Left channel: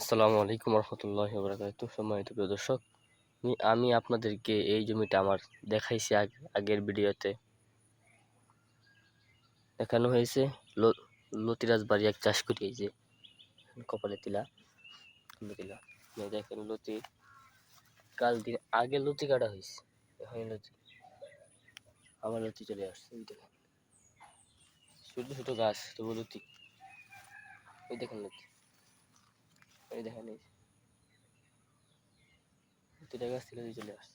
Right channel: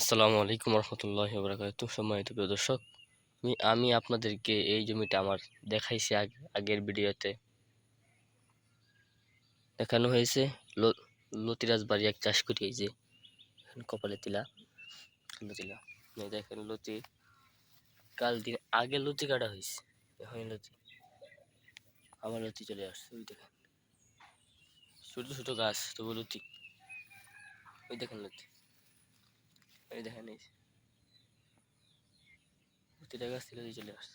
আসসালামু আলাইকুম রহমতুল্লাহি ওয়া বারাকাতুহু। সম্মানিত প্রিয় দর্শক, আমি আপনাদেরকে এই জমিটা আমার দেখাইছি আগের ভিডিওতে দেখানো হয়েছে। লতিরাজ বাড়ি এক চাষ করি, এই যে এখানে কপালে তিলা লতিলা, দেখেন লতি কাল দিন আগে লতি কাটা হয়েছে, এখন লতি আমার লতি চলে আসছে। ওই দেখেন ছোট ছোট গাছ, তবু লতি। ওই দেখেন লতি, ওই দেখেন এই লতিটা গাছ থেকে চলে আসছে।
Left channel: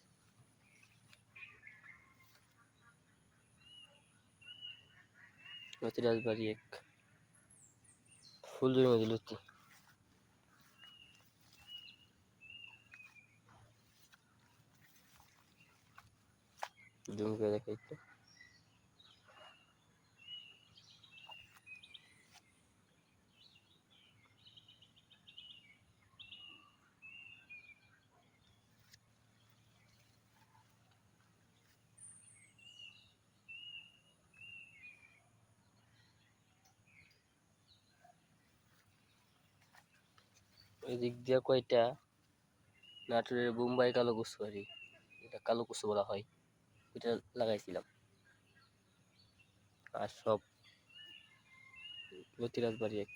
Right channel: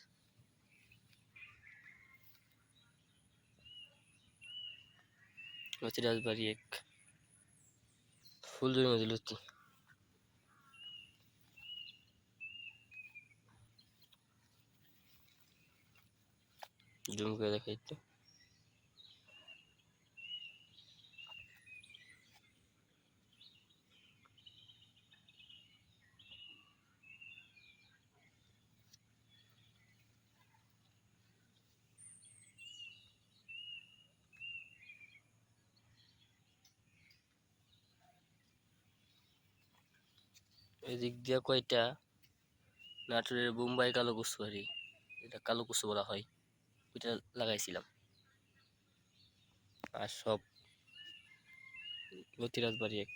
লতিরাজ বাড়ি এক ফুল জমির মধ্যে লতি। জুম করে দেখাই তো। এদিক দিয়ে কয়টা নাটোরের বোম্বাই কালো কচু, আর এটা কালো কচু বলা হয়, ওইটা লাগাইছিলাম। আর সব লতিরাজ বাড়ি এক।